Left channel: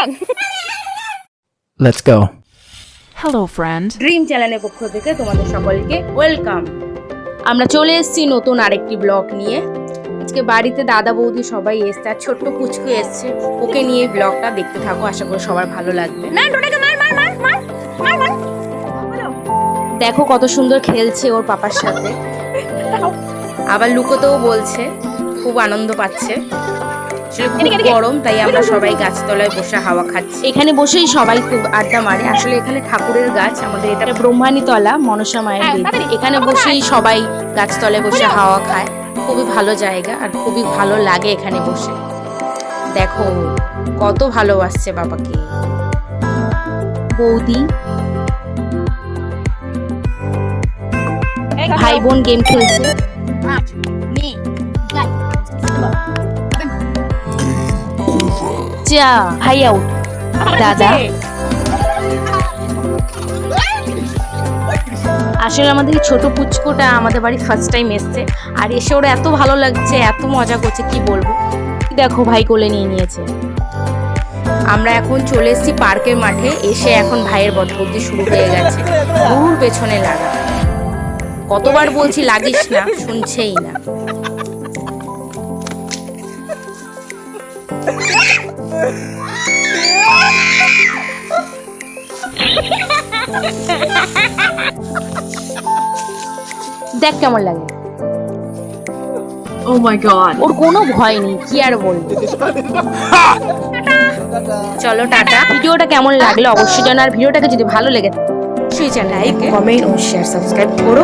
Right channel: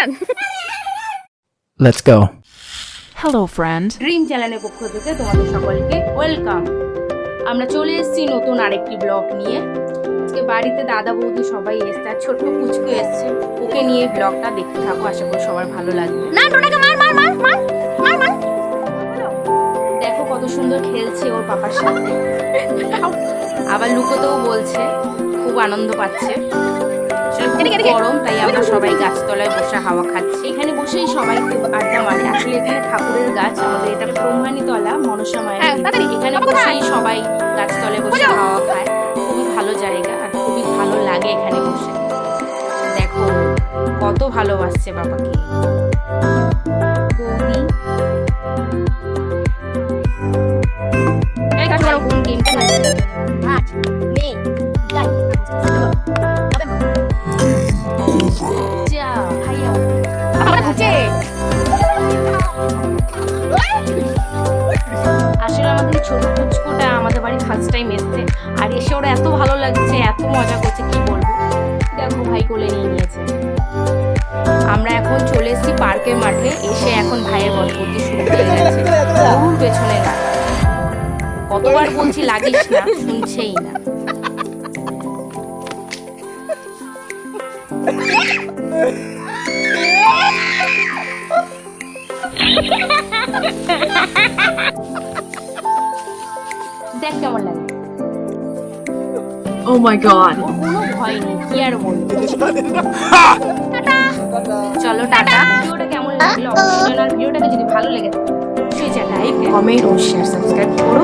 Action. Let's go. Hello, friend. Dream চ্যানেলের পক্ষ থেকে তোমাদের সকলকে ওয়েলকাম। আমরা চলে এসেছি নতুন আরেকটি ব্লগ নিয়ে। আজকে বাড়িতে দাদা বৌদি সবাই এসছে, আর ছোট্ট পুচকু এসছে। ওকে নিয়ে এই ব্লগটা দেখতে থাকো, আশা করি সবার ভালো লাগবে। দেখো কত সুন্দর খেলছে ওর পাপার সাথে, আবার লুকোতেও বলছে, খুব আনন্দ পাচ্ছে। খুব গরম, তাই আমরা সবাই গাছতলায় বসে হাওয়া খাচ্ছি। এখানে বসেই সবাই খুব আড্ডা মারে। আসলে এখানে ঠাকুরের গাছ, আমাদের এটা ব্রহ্মানী তলা, মনসা মায়ের বেদি। এখানে বসেই সবাই গাছতলায় বসে হাওয়া খায়। খুবই ভালো জায়গা আর খুবই ভালো লাগে এখানে বসে। দেখো কত ভালোবাসছে বাবাকে। বৌদি ভাই বোন গেম খেলছে। যা ভাই আউট। দাদা আসলে আমাদের এই ছোট পুচকুটা আমাদের বাড়ি ফার্স্ট টাইম এসছে, আর এসে ওরা এত ভালো লাগছে, এত মজা করছে কি বলবো। দেখো ভাই কোলে নিয়ে নিয়েছে। আমরা এখন চলে এসেছি পার্কের মাঠে। এসে এখন ভাইয়ের বটবদি শুরু হয়ে গেছে, গরুর পেছনে লাগা। কতবার বলছি লাগিস না, শুনছেই না। দেখ কেমন লাগে। Oh my god. ওর কোনো ভয় নেই, কি আর বলবো। চলো টাটা। ভিডিওটা কেমন লাগলো অবশ্যই জানাও, আর ভিডিওটাকে যদি ভালো লেগে থাকে অবশ্যই চ্যানেল লাইক, কমেন্ট ও শেয়ার, সাবস্ক্রাইব করো।